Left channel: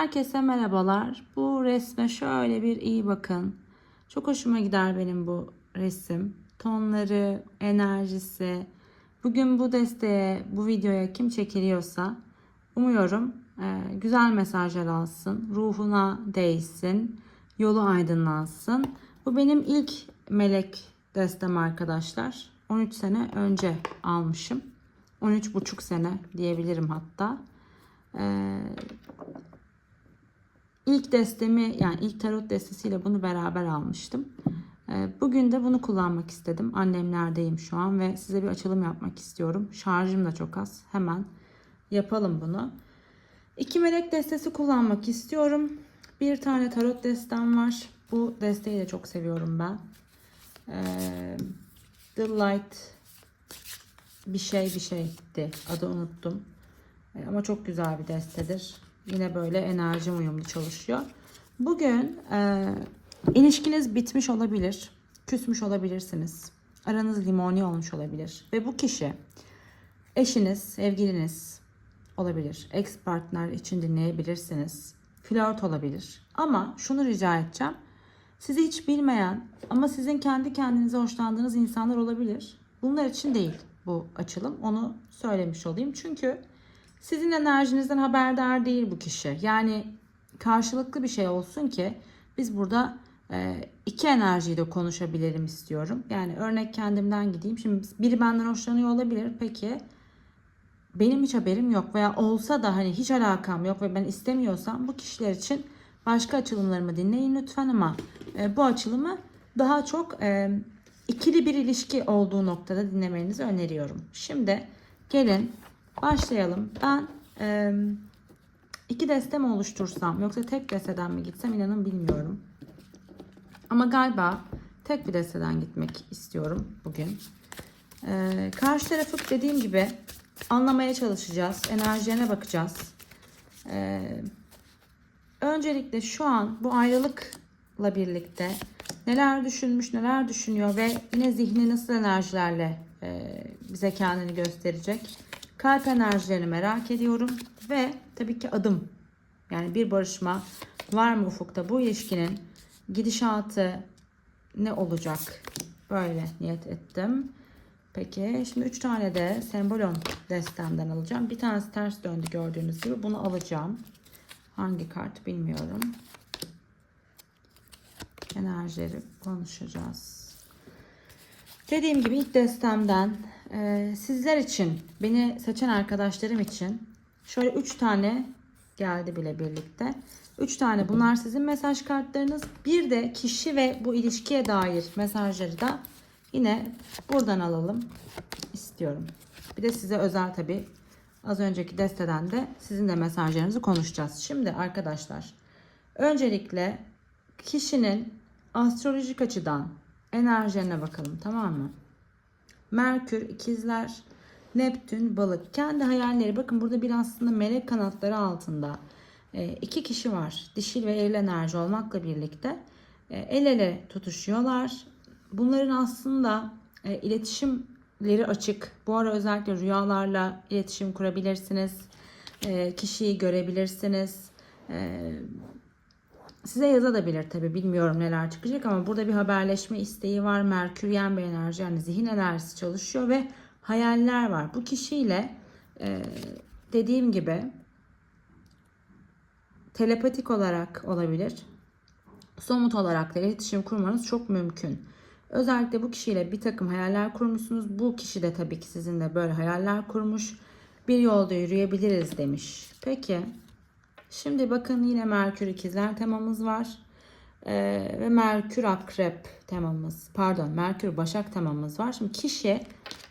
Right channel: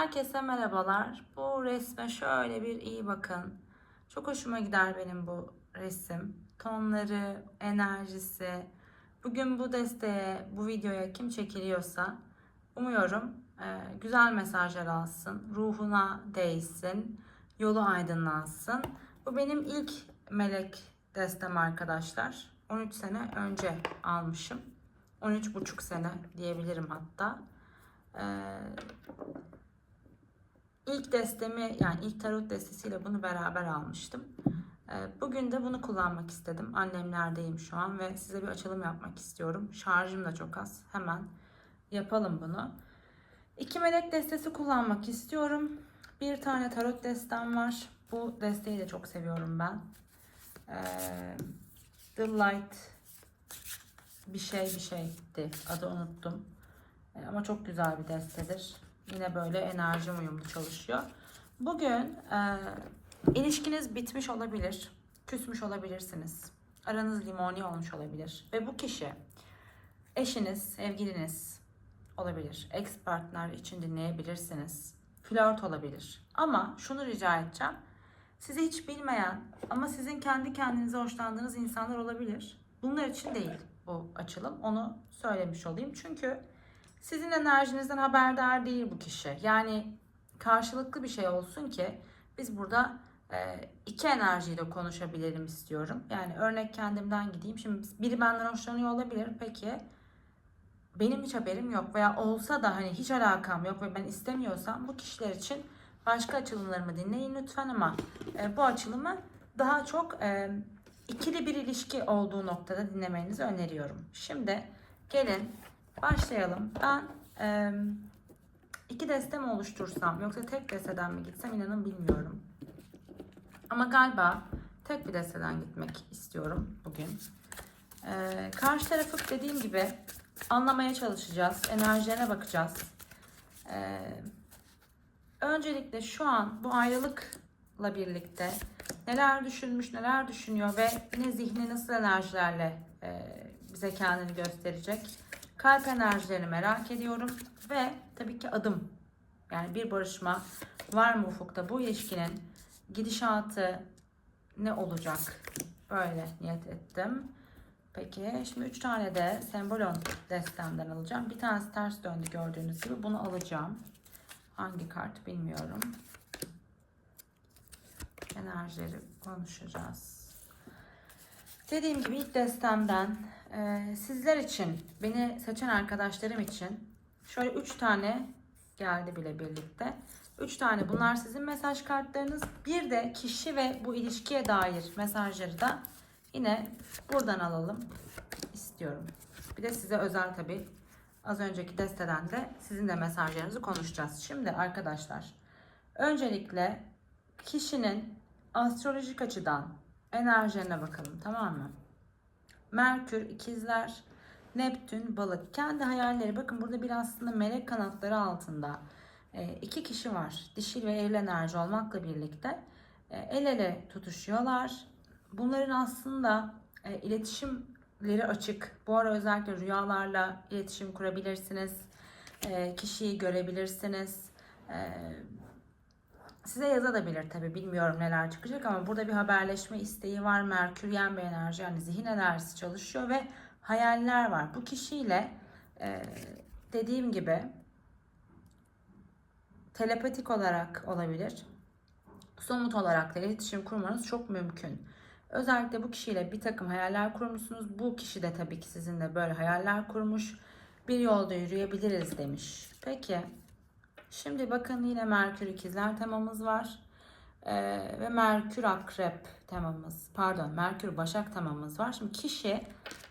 Herkese merhabalar. Bu resme şöyle bir iyi bakın. Çok hoşuma gider benim bu resim. Tonları, enerjisi. Bugün bu desteğe, bu videoya kim çekiliyorsa umuyorum e, güzel mesajlar alsın. Ruhuna değsin. Yolu aydınlansın. Bu benim ilk melek destem arkadaşlar. 13 sene önce almışım. 13,5 sene diyebilirim hatta. Ee, ilk destemi yani ilk tarot destesiyle bunu beraber almıştım. Ee, bugün de bunu kullanmak istedim. Annemlerdeyim şu an ve size bir açılım yapmak istiyorum. Şarjım da çok az. Hemen yapalım bunu. İki melek destesi kullanmak istiyorum. Bir tane tarot destem var. Bu desteği de çok seviyorum ben. Ee, The Light bir şey bir şeydi. Adı unuttum. E, Ama çok güzel bir destedir. Yine böyle enerji uyumlu çalışıyor. Bugün e, ilişkiniz bitmiş olabilir. Küsmüş olabilirsiniz. Aranız limoni olmuş olabilir. Ve bu kişi eşiniz, sevgiliniz olabilir. Ex partner için dinleyebilirsiniz. Flört olabilir. Ama şunu rica edeceğim. Sizi hiç bilmeyen ama sizin kendi kendinize hoşlandığınız insanlar olabilir. Bunlar için değil bu açılım. Onu söylemiş olayım. Çünkü sizin enerjinizden haberdar değil bu kişi. Yani karşılıklı bir şey olsun ki biz burada e, iki enerjiyle konuşabilelim istiyorum. Yani örnek kendimden gideyim. Şimdi biri benden hoşlanıyor olabilir. Peki benim hiç haberim yok veya olsa da hani hiç alakam yok ve ben istemiyorsam bu kişiler için başka açılımlarımı dinleyin lütfen ama e, bu açılımı daha çok e, ikili bir ilişki olduğu noktada dinlemenizi öneriyorum. Şimdi gelin başlayalım. Ben e, iki deste mi oluştursam yoksa tek desteden mi gitsem inanın bilmiyorum. Ama galiba tek bir desteden gitmek istiyorum bugün. E, karşı tarafı dediğim gibi anlamaya çalışacağız. Enerjilerine bakacağız. E, öncelikle şu an bu ayrılıkla birlikte neler düşünmüş, neler düşünüyor ve yine zihni nasıl enerjilerle e, bize kendini gösterecek. Kalp enerjilerini merak ediyorum ve tabii ki adım. Yani bir barışma var mı ufukta bu ilişkinin gidişatı ne olacak? Böyle niyet ettim. Peki şimdi 3 tane de sembolon destemden alacağım. Bir tanesi ters döndü gördüğünüz gibi. Bunu alacağım. Hangi kart bilmiyorum. Enerjileri konuşacağız. Dediğim gibi ilk destemden e, sizler için, beni seçen arkadaşlarım için şöyle 3 tane geldi bile birlikte. 3 tane bunlar sizin mesaj kartlarınız. Bir de kişi ve bu ilişkiye dair mesajları da yine buradan alalım istiyorum. Bir de size özel tabi az önceki desteden de sizin de mesajlarınızı konuşacağız. Şimdi arkadaşlar öncelikle kişinin astrolojik açıdan enerjilerine bakalım tamam mı? Merkür ikizler, Neptün balık. Kendi hayalleri bakın burada bir aslında melek kanatları altında e, iki kişi var. Dişil ve eril enerji olmakla birlikte e, el ele tutuşuyorlar. Bunların aslında e, iletişimleri açık. Bu ara özellikle rüyalarla iletişim kurabilirsiniz. Kişiyi görebilirsiniz. Size yazabilir tabi bilmiyorum neler çıkacak ama burada bir haberleşme isteği var. Merküryen bir enerji yani zihin enerjisi çalışıyor ve hayaller var. Bu kişiyle e, dediğim gibi telepatik olarak olabilir. Somut olarak da iletişim kurmanız çok mümkün. Özellikle bu kişiyle bir takım hayaller kurmuşsunuz. Bu kişi de tabii ki sizinle böyle hayaller kurmuş. Bir yolda yürüyebiliriz demiş. Peki. Şimdi bakın yine Merkür ikizler temamız var. Ee, ve Merkür akrep temamız. Pardon Merkür başak temamız var. Şimdi kişi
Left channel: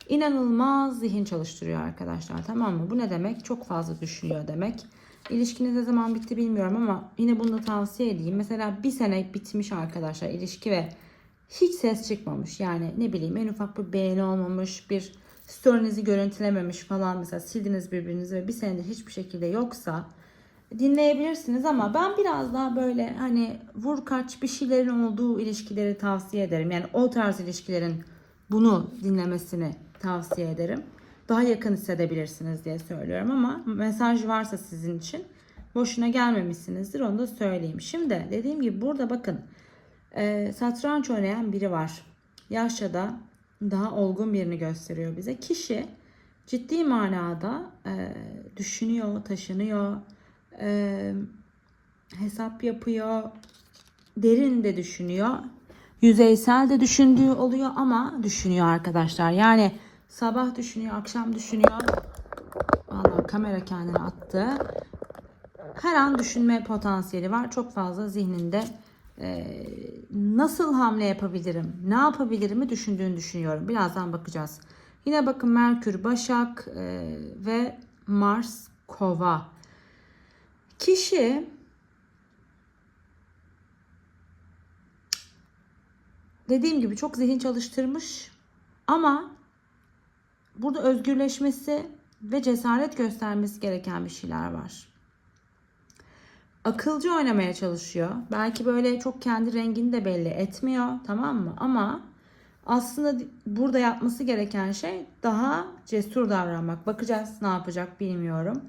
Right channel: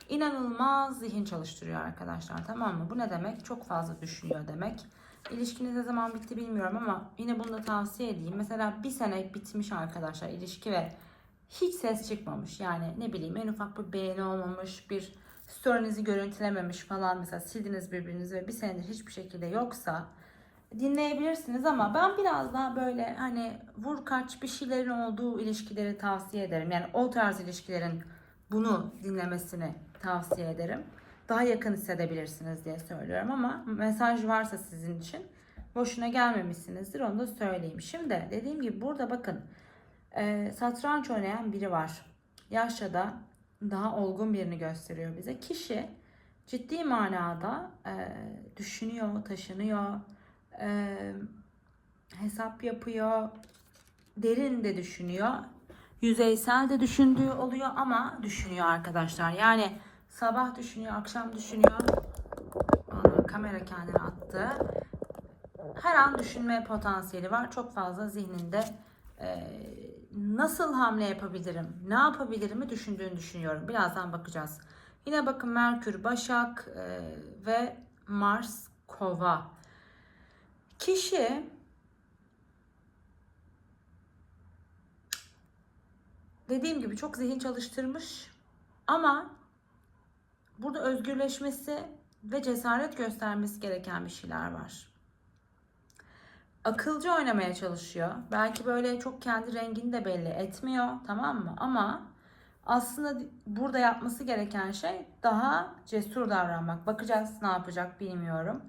inanılmaz zihin çalıştırıyor arkadaşlar. Tamam mı? Bu ne demek? Çok fazla düşünüyor demek. İlişkiniz ne zaman bitti bilmiyorum ama yine bunu da tavsiye edeyim. Mesela bir sene bitmiş arkadaşlar ilişki ve hiç ses çıkmamış. Yani ne bileyim en ufak bir beğeni olmamış, bir story'nizi görüntülememiş falan. Mesela sildiniz birbirinizi ve bir senedir hiçbir şekilde yoksa dinleyebilirsiniz ama ben biraz daha böyle hani vur kaç bir şeylerin olduğu ilişkileri tavsiye ederim. Yani o tarz ilişkilerin bunu dinlemesini tavsiye ederim. Daha yakın hissedebilirsiniz diye söylüyorum ama mesaj varsa sizin için boşuna gelmemişsinizdir onu da söyleyeyim. Şimdi dediğim gibi burada bakın e, satranç oynayan biri var. Yaşça da daha olgun birini gösteriyor bize. Kişi ciddi manada e, düşünüyor, taşınıyor, e, hesap yapıyor, derin de düşünüyor. Yüzeysel de düşündüğü oluyor ama düşünüyor arkadaşlar. Yani sabah düşünüyor, akşam düşünüyor. Allah kamera kendini attı. Her an düşünme potansiyeli var. Çok fazla zihninde e, nasıl hamle yapabilirim, ne yapabilirimi düşündüğünü düşünüyorum. Birazdan bakacağız. Yine bakın Merkür, Başak e, ve Mars, Kova. Kişi dediğim gibi çok zihin çalıştırmış ama burada özgürleşmesi ve cesaret göstermesi gereken bir şeyler var. Akılcı oynamaya çalışıyor. Belki böyle çok kendi rengini de belli etmiyor, tamam mı? Ama aslında burada yapması gereken şey daha cesur davranmak. Bakacağız ne yapacak bilmiyorum.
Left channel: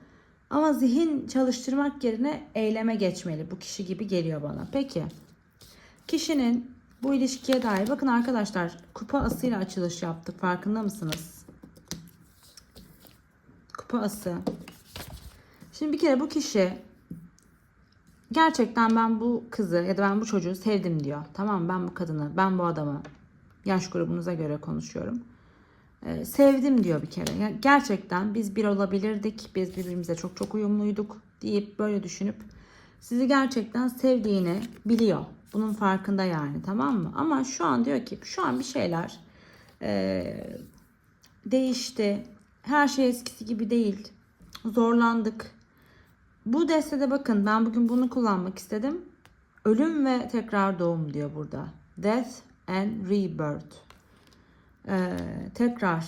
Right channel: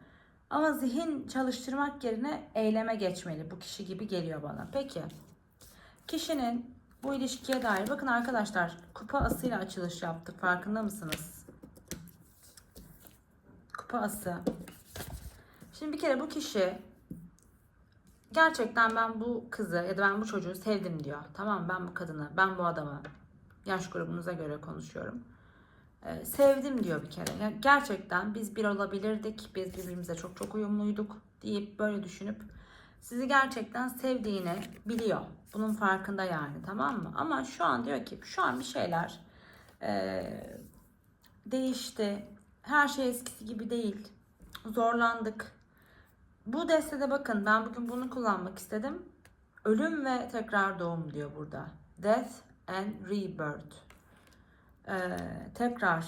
Ama zihin çalıştırmak yerine eyleme geçmeli. Bu kişi gibi geliyor bana. Peki. Kişinin bu ilişkiye dair bakın arkadaşlar kupa asıyla açılış yaptık. Farkında mısınız? Kupa ası. Şimdi bir kere bu kişi gerçekten ben bu kızı ya da ben bu çocuğu sevdim diyor. Tamam ben bu kadını, ben bu adamı yaş grubunuza göre konuşuyorum. Ee, sevdim diyor bir kere. Yani gerçekten biz bir olabilirdik. Biz birbirimize çok çok uyumluyduk deyip böyle düşünüp sizi gerçekten sevdiğini biliyor. Bunun farkında yani tamam mı? Ama şu an diyor ki şu an bir şeyler e, değişti. Her şey eskisi gibi değil. Zorlandık. Bu destede bakın ben bugün bunu kullanmak istedim. Ölüm ve tekrar doğum diyor burada. Death and Rebirth. Ee, tekrar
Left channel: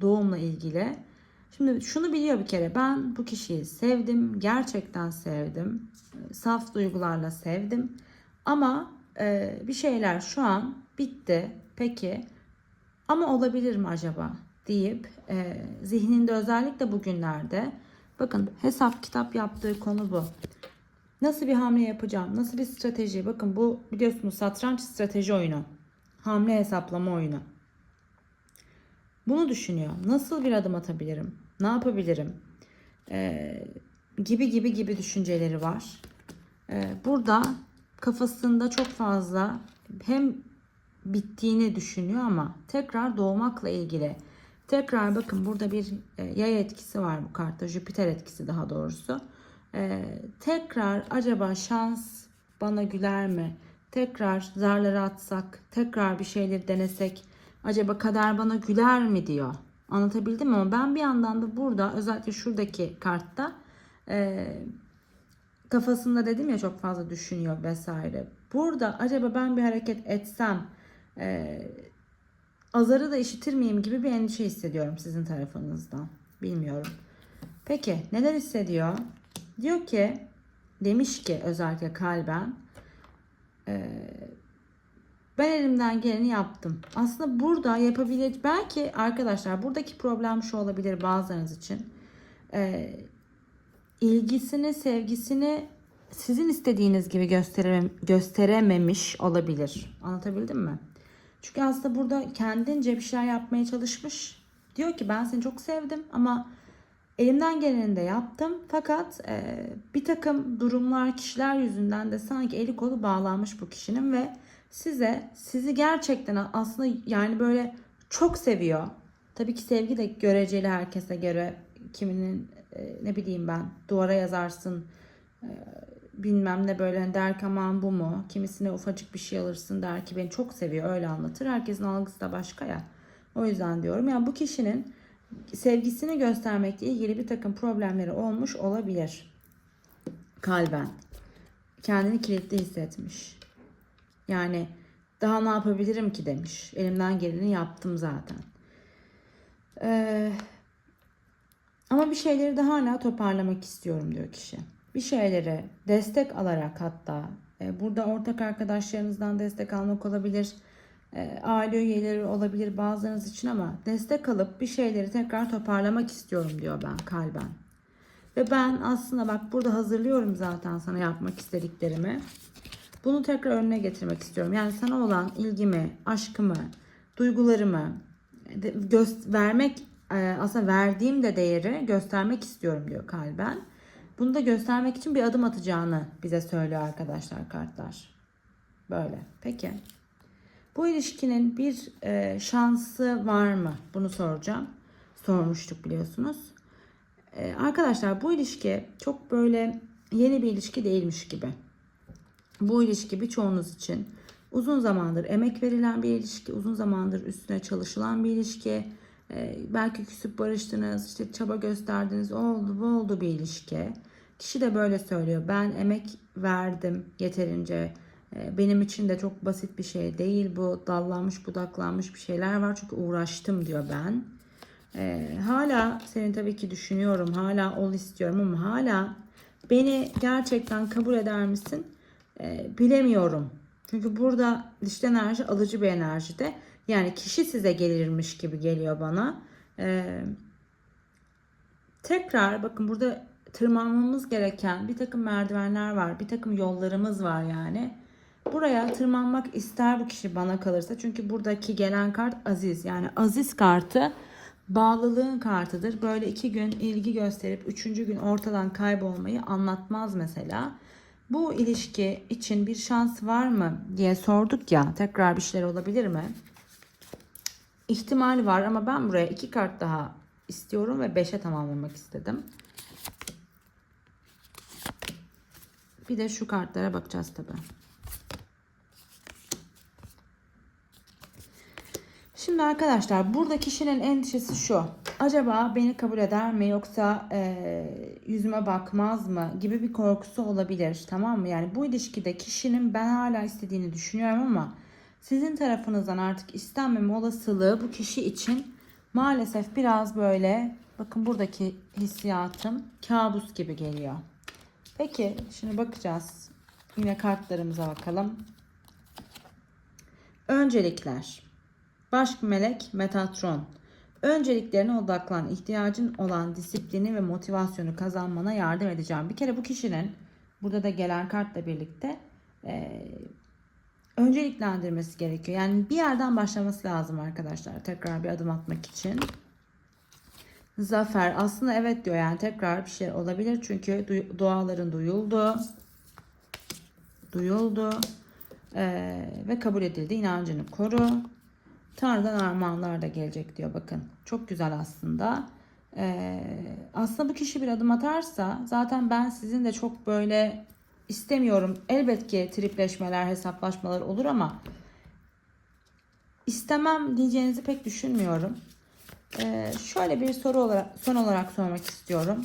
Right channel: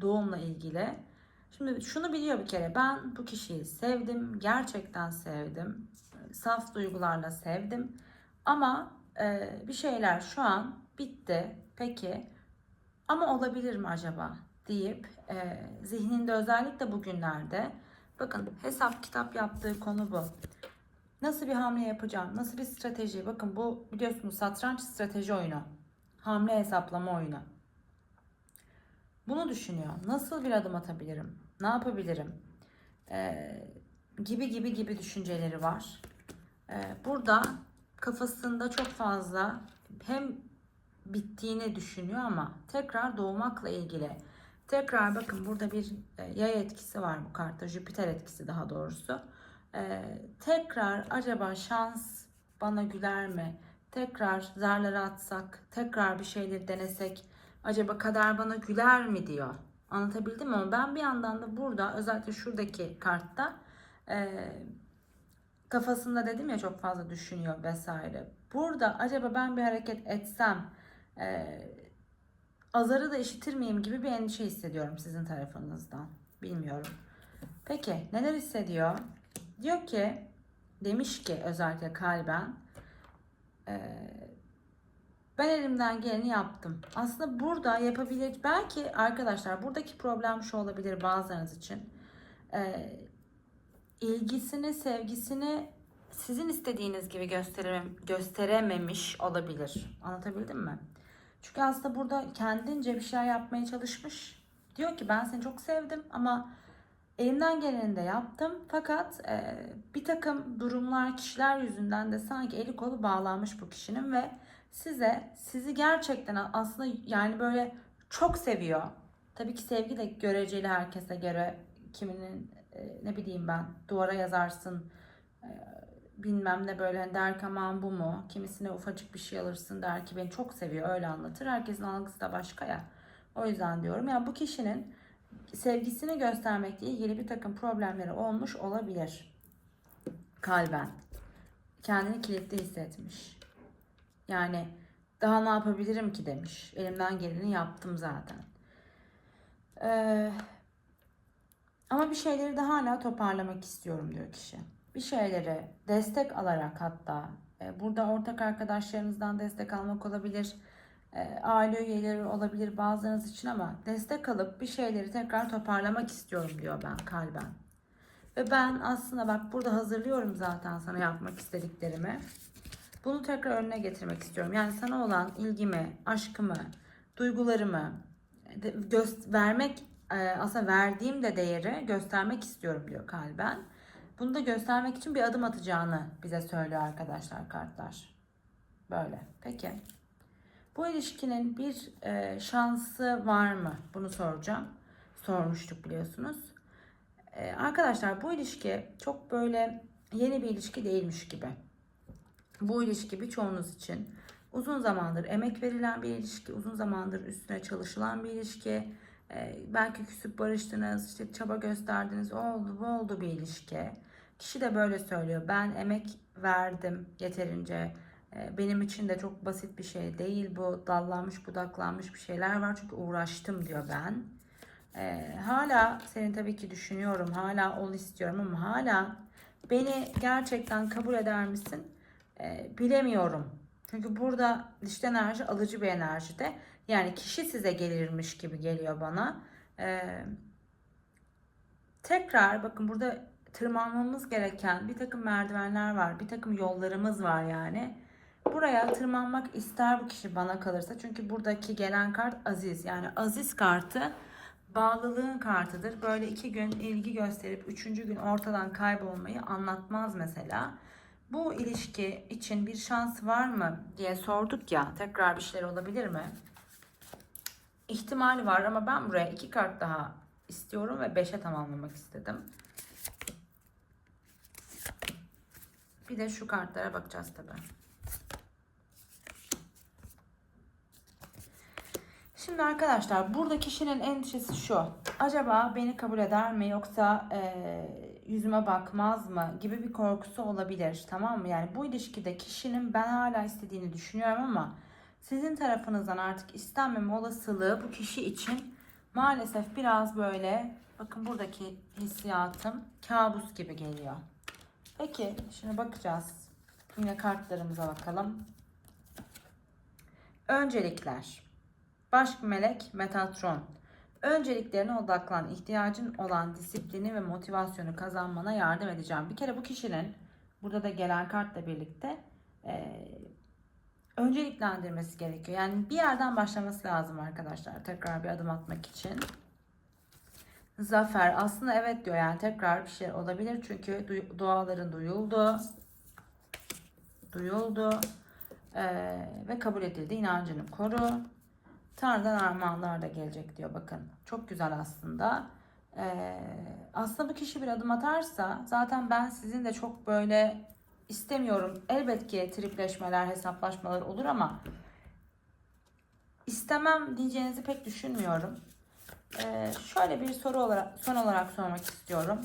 doğumla ilgili. Şimdi şunu biliyor bir kere. Ben bu kişiyi sevdim. Gerçekten sevdim. Saf duygularla sevdim. Ama e, bir şeyler şu an bitti. Peki ama olabilir mi acaba deyip e, zihninde özellikle bugünlerde bakın hesap kitap yaptığı konu bu. Nasıl bir hamle yapacağım? Nasıl bir strateji? Bakın bu biliyorsunuz satranç strateji oyunu. Hamle hesaplama oyunu. Bunu düşünüyor. Nasıl bir adım atabilirim? Ne yapabilirim? Ee, gibi gibi gibi düşünceleri var. Ee, burada kafasında çok fazla hem bittiğini düşünüyor ama tekrar doğmakla ilgili tekrar bakın burada bir e, yay etkisi var bu kartta Jüpiter etkisi daha doğrusu ee, tekrar acaba şans bana güler mi tekrar zarları atsak tekrar bir şeyleri denesek acaba kader bana güler mi diyor anlatabildim ama ben bir yandan da burada özellikle şuradaki kartta e, kafasında dedim ya çok fazla düşünüyor vesaire. Burada acaba ben bir hareket etsem e, azarı da işitir miyim gibi bir endişe hissediyorum sizin tarafınızdan. Bilmiyorum. Peki neler hissediyor? Diyor ki demiş ki özellikle kalben e, ben elimden geleni yaptım. Aslında burada yapabilir belki arkadaşlar buradaki problem şu olabilir bazılarınız için. E, ilgisini, sevgisini sizin istediğiniz gibi gösterem gösterememiş olabilir. Anlatabildim mi? Çünkü aslında burada kendince bir şeyler yapmaya çalışmış. Diyor ki ben seni çok sevdim ama elimden geleni de yaptım. Fakat e, bir takım durumlar, kişiler yüzünden de sanki eli kolu bağlanmış bu kişinin ve size sizi gerçekten aslında yani böyle çok seviyor. Tabii ki sevgi de göreceli herkese göre kiminin e, ne bileyim ben duvara yazarsın e, bilmem ne böyle der ki aman bu mu? Kimisine ufacık bir şey alırsın der ki beni çok seviyor öyle anlatır. Herkesin algısı da başka ya. O yüzden diyorum yani bu kişinin sevgisini göstermekle ilgili bir takım problemleri olmuş olabilir. Kalben. Kendini kilitli hissetmiş. Yani daha ne yapabilirim ki demiş. Elimden geleni yaptım zaten. Ee, ama bir şeyleri daha hala toparlamak istiyorum diyor kişi. Bir şeyleri destek alarak hatta e, burada ortak arkadaşlarınızdan destek almak olabilir. E, aile üyeleri olabilir bazılarınız için ama destek alıp bir şeyleri tekrar toparlamak istiyorum diyor ben kalben. Ve ben aslında bak burada hazırlıyorum zaten sana yapmak istediklerimi. Bunu tekrar önüne getirmek istiyorum. Yani sana olan ilgimi, aşkımı, duygularımı göz vermek e, aslında verdiğim de değeri göstermek istiyorum diyor kalben. Bunu da göstermek için bir adım atacağını bize söylüyor arkadaşlar kartlar. Böyle. Peki. Bu ilişkinin bir e, şansı var mı? Bunu soracağım. Sormuştuk biliyorsunuz. E, arkadaşlar bu ilişki çok böyle yeni bir ilişki değilmiş gibi. Bu ilişki birçoğunuz için uzun zamandır emek verilen bir ilişki, uzun zamandır üstüne çalışılan bir ilişki. E, belki küsüp barıştınız, işte çaba gösterdiniz, oldu bu oldu bir ilişki. Kişi de böyle söylüyor. Ben emek verdim yeterince. E, Benim için de çok basit bir şey değil bu. Dallanmış budaklanmış bir şeyler var. Çünkü uğraştım diyor ben. E, hala seni tabii ki düşünüyorum. Hala ol istiyorum ama hala beni gerçekten kabul eder misin? E, bilemiyorum. Çünkü burada dişli enerji alıcı bir enerjide. Yani kişi size gelirmiş gibi geliyor bana. E, tekrar bakın burada tırmanmamız gereken bir takım merdivenler var. Bir takım yollarımız var yani. Buraya tırmanmak ister bu kişi bana kalırsa. Çünkü buradaki gelen kart aziz. Yani aziz kartı bağlılığın kartıdır. Böyle iki gün ilgi gösterip üçüncü gün ortadan kaybolmayı anlatmaz mesela. Bu ilişki için bir şans var mı diye sorduk ya. Tekrar bir şeyler olabilir mi? İhtimal var ama ben buraya iki kart daha istiyorum ve beşe tamamlamak istedim. Bir de şu kartlara bakacağız tabii. Şimdi arkadaşlar burada kişinin endişesi şu. Acaba beni kabul eder mi yoksa e, yüzüme bakmaz mı gibi bir korkusu olabilir. Tamam mı? Yani bu ilişkide kişinin ben hala istediğini düşünüyorum ama sizin tarafınızdan artık istenmeme olasılığı bu kişi için maalesef biraz böyle bakın buradaki hissiyatım kabus gibi geliyor. Peki şimdi bakacağız. Yine kartlarımıza bakalım. Öncelikler. Baş melek Metatron. Önceliklerine odaklan. ihtiyacın olan disiplini ve motivasyonu kazanmana yardım edeceğim. Bir kere bu kişinin burada da gelen kartla birlikte e, önceliklendirmesi gerekiyor. Yani bir yerden başlaması lazım arkadaşlar. Tekrar bir adım atmak için. Zafer aslında evet diyor yani tekrar bir şey olabilir çünkü duaların duyuldu. Duyuldu. Ee, ve kabul edildi. İnancını koru. Tanrı'dan armağanlar da gelecek diyor bakın. Çok güzel aslında. Ee, aslında bu kişi bir adım atarsa zaten ben sizin de çok böyle istemiyorum. Elbet ki tripleşmeler, hesaplaşmalar olur ama istemem diyeceğinizi pek düşünmüyorum. Ee, şöyle bir soru olarak son olarak sormak istiyorum.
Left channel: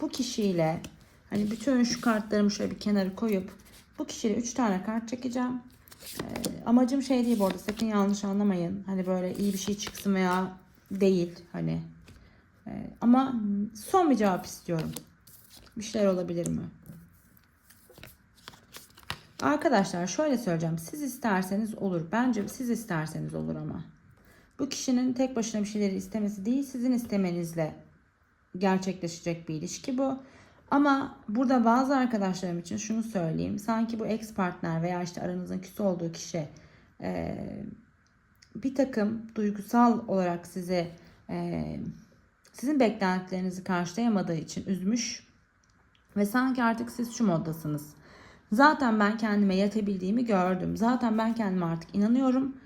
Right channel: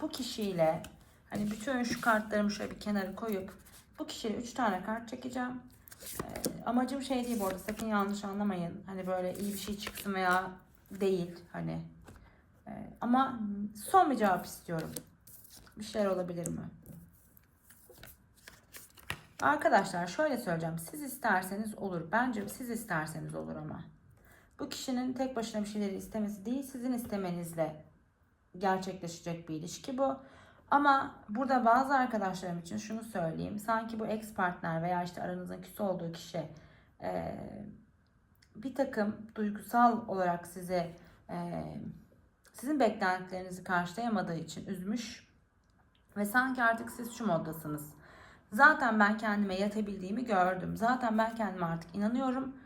Bu kişiyle hani bütün şu kartlarımı şöyle bir kenara koyup bu kişiyle 3 tane kart çekeceğim. Ee, amacım şey değil bu arada sakın yanlış anlamayın. Hani böyle iyi bir şey çıksın veya değil hani. Ee, ama son bir cevap istiyorum. Bir şeyler olabilir mi? Arkadaşlar şöyle söyleyeceğim. Siz isterseniz olur. Bence siz isterseniz olur ama. Bu kişinin tek başına bir şeyleri istemesi değil, sizin istemenizle gerçekleşecek bir ilişki bu. Ama burada bazı arkadaşlarım için şunu söyleyeyim. Sanki bu ex partner veya işte aranızda küs olduğu kişi e, bir takım duygusal olarak sizi e, sizin beklentilerinizi karşılayamadığı için üzmüş ve sanki artık siz şu moddasınız. Zaten ben kendime yetebildiğimi gördüm. Zaten ben kendime artık inanıyorum.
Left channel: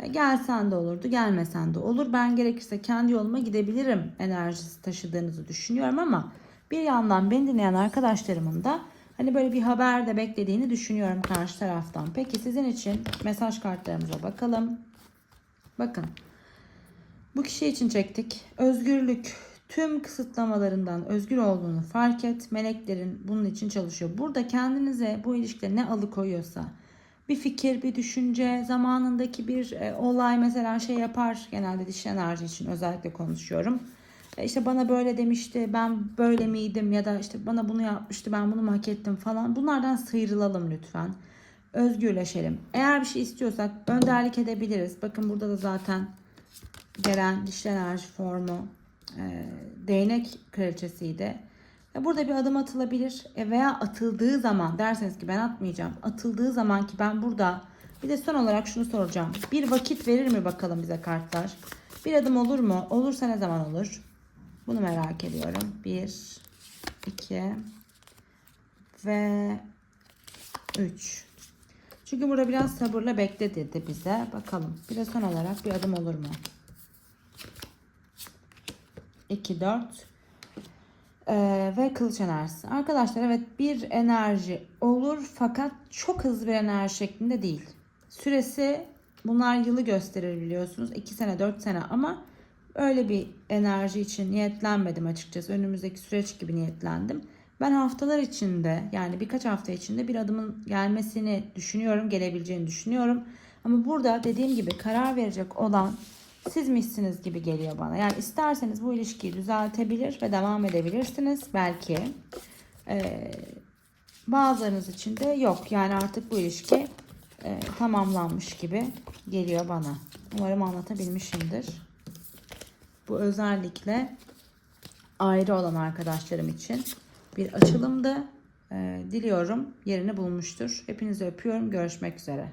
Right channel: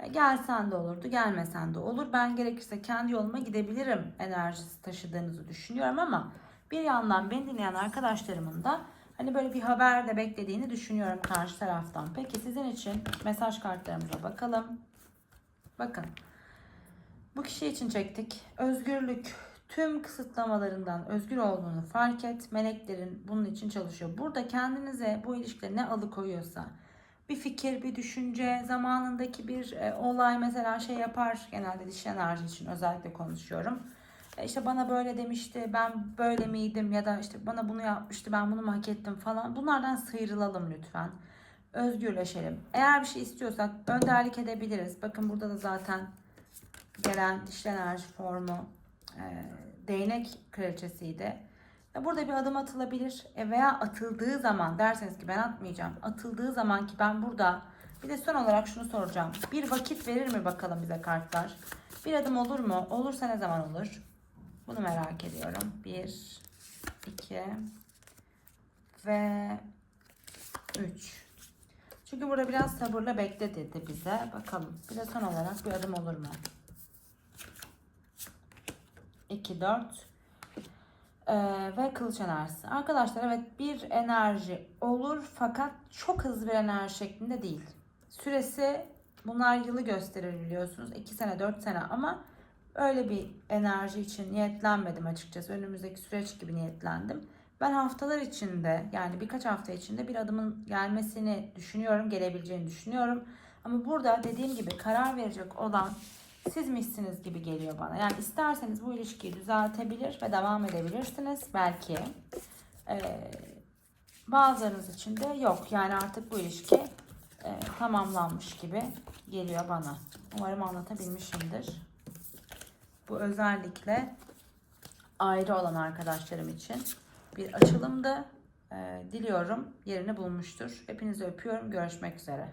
E, Gelsen de olurdu, gelmesen de olur. Ben gerekirse kendi yoluma gidebilirim enerjisi taşıdığınızı düşünüyorum ama bir yandan beni dinleyen arkadaşlarımın da hani böyle bir haber de beklediğini düşünüyorum karşı taraftan. Peki sizin için mesaj kartlarımıza bakalım. Bakın. Bu kişi için çektik. Özgürlük. Tüm kısıtlamalarından özgür olduğunu fark et. Meleklerin bunun için çalışıyor. Burada kendinize bu ilişkide ne alıkoyuyorsa bir fikir, bir düşünce, zamanındaki bir e, olay mesela şey yapar genelde dişi enerji için özellikle konuşuyorum. E, işte bana böyle demişti, ben böyle miydim ya da işte bana bunu yapmıştı, ben bunu mu hak ettim falan. Bunlardan sıyrılalım lütfen. Özgürleşelim. Eğer bir şey istiyorsak önderlik edebiliriz. Bakın burada da zaten gelen dişi enerji formu e, değnek kraliçesiydi. E, Burada bir adım atılabilir E, veya atıldığı zaman derseniz ki ben atmayacağım. Atıldığı zaman ki ben burada bir de son olarak şunu soracağım. Bir vakit verir mi bakalım bize kartlar? Bir adım olur mu? Olursa ne zaman olur? Bunu merak ediyorum. Bir, iki ve üç. Çünkü burada biraz sabırla bekle dedi bize. Bakalım. Bir de son olarak bir adım olur mu? 2, 4 ee, ve kılıç enerjisi. Arkadaşlar evet bir enerji olur fakat çok hızlı bir enerji şeklinde değil. Süresi bunlar yılı gösterir biliyorsunuz. 2 sene 4 sene ama öyle bir enerji için niyetlenmedim açıkçası. Önümüzdeki süreç gibi niyetlendim. Ben haftalar içinde yani birkaç hafta içinde bir adımın gelmesini düşünüyorum, gelebileceğini düşünüyorum. Ama burada dediğim gibi karar verecek olan sizmişsiniz gibi geliyor bana. Yani isterseniz bu ilişkiyi düzeltebilir ve devam edebilirsiniz belki. Ee, bazılarınız için de yok. Yani artık bu ilişki e, tamamlanmış gibi geliyor bana. Umarım anlatabilmişimdir. Bu özellikle ayrı olan arkadaşlarım için bir açılımdı. Ee, diliyorum yerini bulmuştur. Hepinizi öpüyorum. Görüşmek üzere.